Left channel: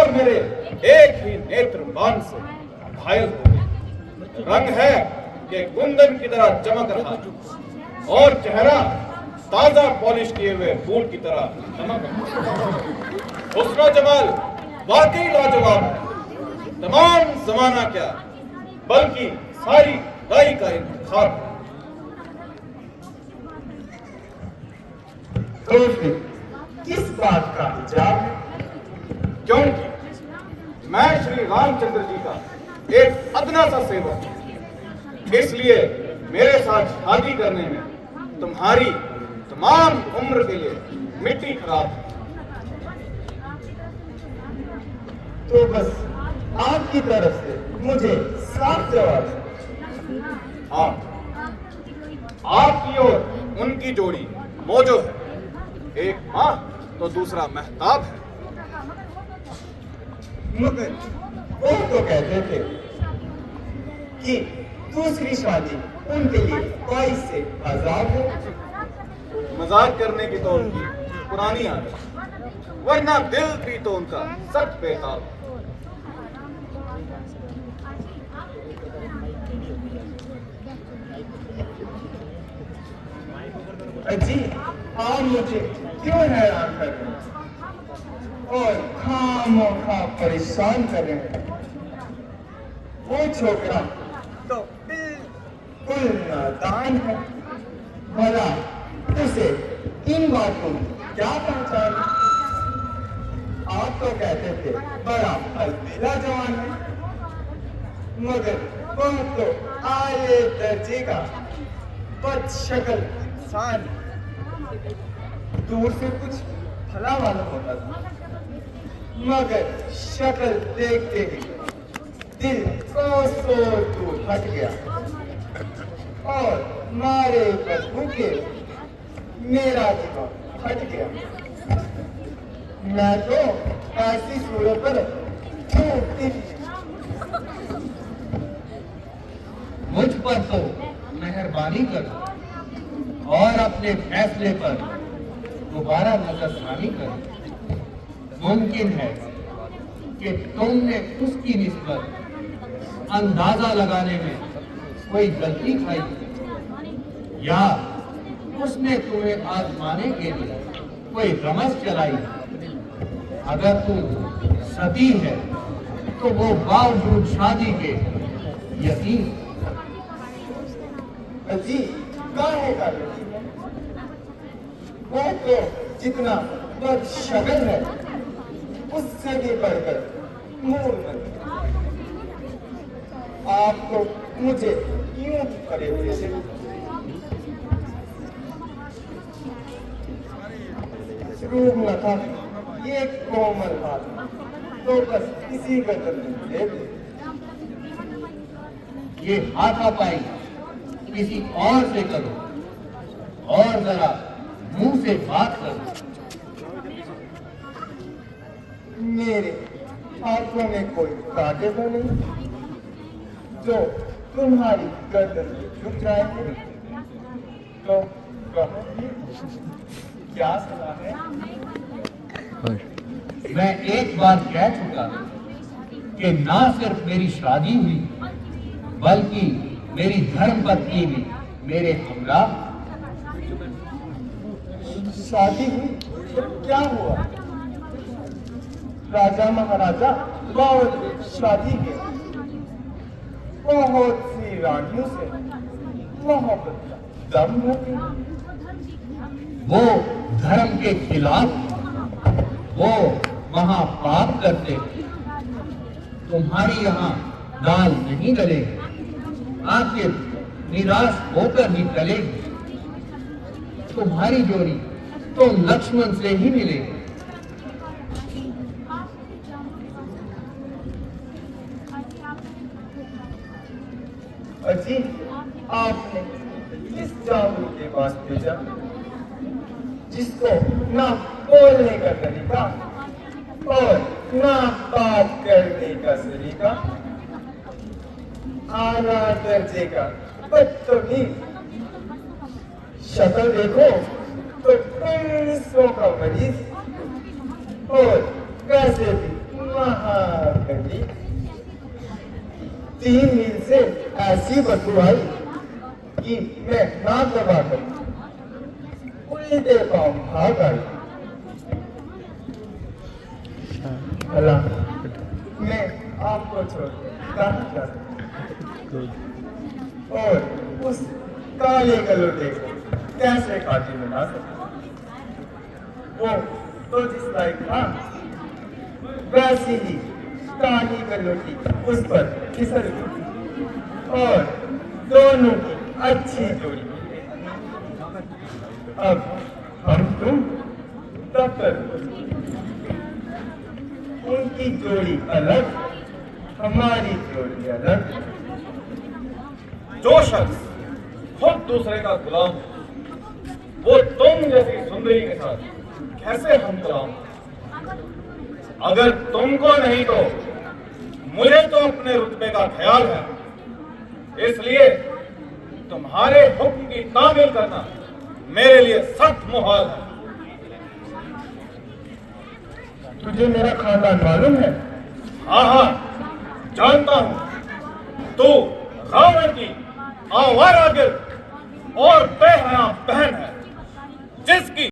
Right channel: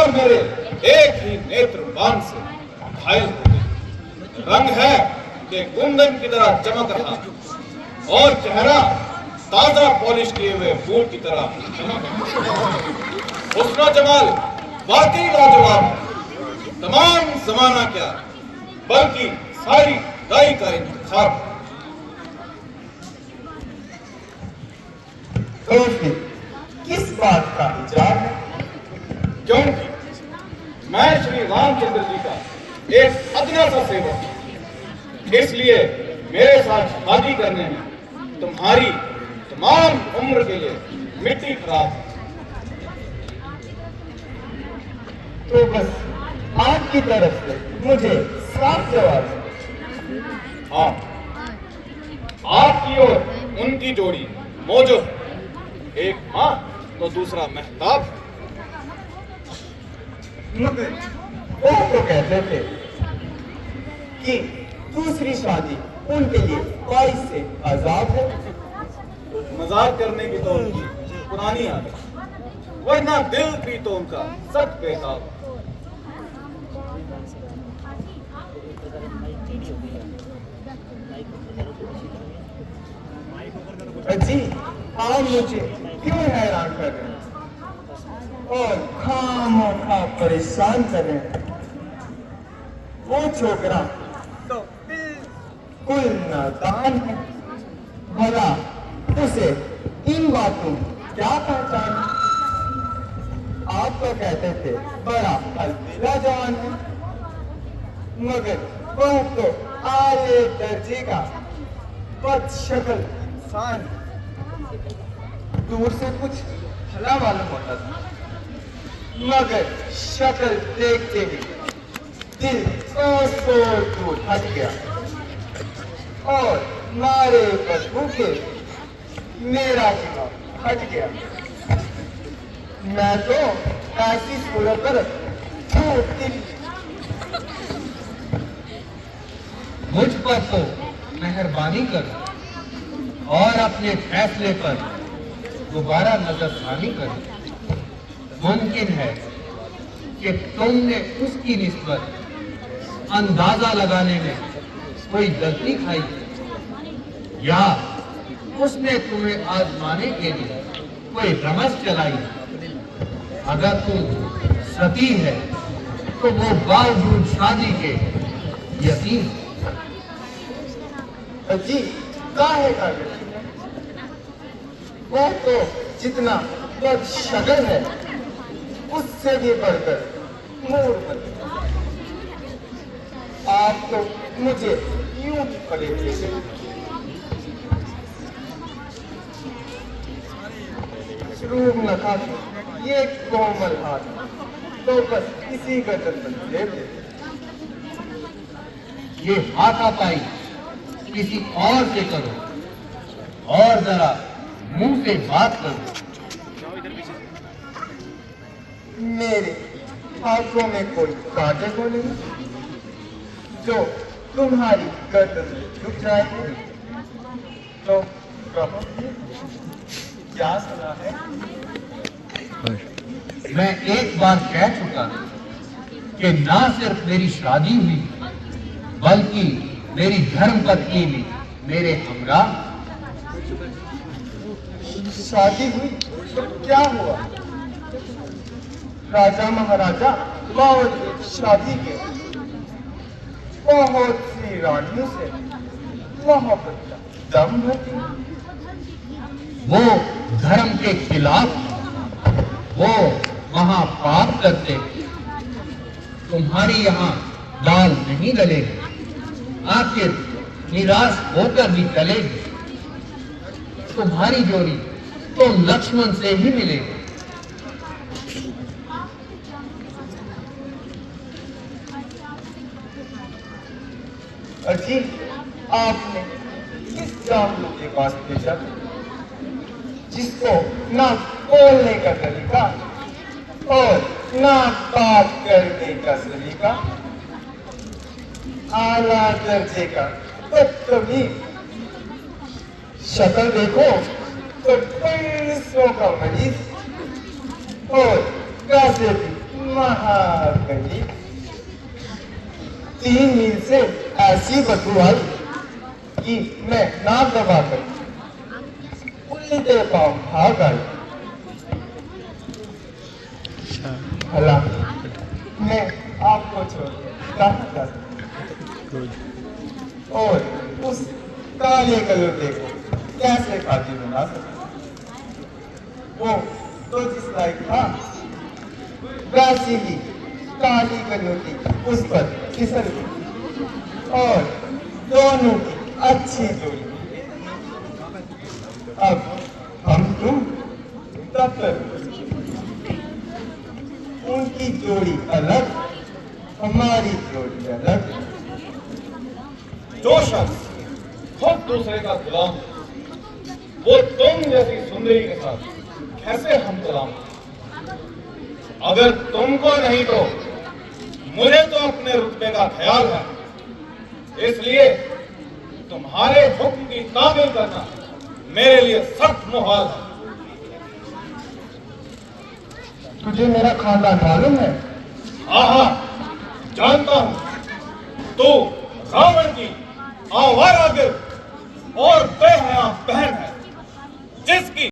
और मेरे एक ही नेत्र बाण से घायल हो गए। रंग है कि कुंदन की तरह चमक रहा और चेहरा ताजा पॉलिश किए हुए बूट की तरह चमक रहा। हुस्न जमाल वाकई लाजवाब है। तमाम जमाना क्या बल्कि सारी दाई का इंतखाब है। तो फिर किस बात का विचार है? क्योंकि मैं श्री रामचंद्र जी का एक अदना सा सेवक हूं। इसलिए मेरे साथ शादी करने में तुम्हारी तमाम उम्र के लिए मिट्टी खराब है। तो बस आपकी तरफ से मुझे साफ जवाब। हाँ, आपकी और उनकी जोड़ी मौजो है। एक माँ तो दूसरा महताब है। मगर वो तो कहते थे कि दूसरी शादी उनके लिए बाइस से आजाद है। मजाक करने की तो उनकी पुरानी आदत, वरना दिल भी तो उनका सख्त बेताब। अजी, आप मुझे क्यों हैरान कर रहे हैं और खामोखा परेशान कर रहे हैं? वो छोकरा तो बिल्कुल नादान है। भला उसे इन बातों क्या पहचान? आप तो कहते थे बड़ा अलबेला जवान है, मगर वह तो आले दर्जे का बदशक्ल इंसान। दूर से कुछ भला मालूम होता था, मगर शक्ल देखते ही दिल कोसों दूर हट गया और मारे बदबू के मेरा दिमाग हट गया। मैं तो ऐसी सूरत पर थूकती। मुझ पर तो मेहरबानी करो और अपने फैसले पर दोबारा नजरसानी करो। मुमकिन है कि तुमने उसकी निस्बत अंदाजा लगाने में कोई गलती खाई या उसने तुम्हें आजमाने के लिए कोई रमज चलाई। अगर तुम सती है तो वो बावजूद शादी के यतीम। अजी, काहे का वो तो जितना बदशक्ल है उससे भी बढ़कर मूर्ख। आप तो मुझे यूं पड़ेंगे। रूप नखा ये कोमल हाथ तो बस इसी गदर पर ले ले। ये हाथापाई किसी और से करो और जरा मुंह से बात करो। मेरे हाथों में कोई कांटे तो नहीं जो तुम्हारी गर्दन में झुक जाएंगे। तो कहो क्या सुना है? मैं एक बार कह चुका कि ना सिर्फ मेरी शादी हुई बल्कि मेरी धर्म पत्नी भी मेरे हमराह। शादी हुई तो क्या हुआ? राजा महाराजा बावजूद शादी के बहुत सी रानियों से मोहब्बत का दम भरती। वो धर्म के खिलाफ, वो महापाप करते। तुम्हारी यहाँ दाल नहीं गलेगी, आखिर निराश होकर भी चलेगी। तुम्हारी जोड़ी तो लक्ष्मण से ही मिलेगी। अजी, आपने किस जामुन के पास भेजा जिसको ना बोलने का तरीका और ना बात करने का सलीका, आला दर्जे का बदतमीज। शक्ल देखो तो 150 का मरीज और पैसे भी थी। 3 मील से ऐसी बदबू आई कि मैं नाक दबाकर उल्ली देर पाँव भाग आई। भला मैं आपको छोड़ कहाँ जा सकता और उस काले गलोटे को कैसे काटी बना सकता? वो तो जिस लायक था वैसी ही काली गलोटी उस पर फिसल गई और दोनों की अच्छी जोड़ी। अब हम तुम तब तक उनकी जोड़ी अलग, हमारी जोड़ी अलग। जो शख्स खुद दूसरे का गुलाम, वो तुम जैसी सुंदरी के साथ कैसे हम कलाम? अगर तुमको नहीं तो मुझे तो अपने रुतबे का ख्याल है, इसलिए तुम्हारे हुक्म की तामील करना मेरे लिए सख्त मुहाल है। तुझे मेरा खानदान मालूम है? हाँ हाँ जानता हूं, तू रावण की आवारा गिर और बेहया बहन है, जिसकी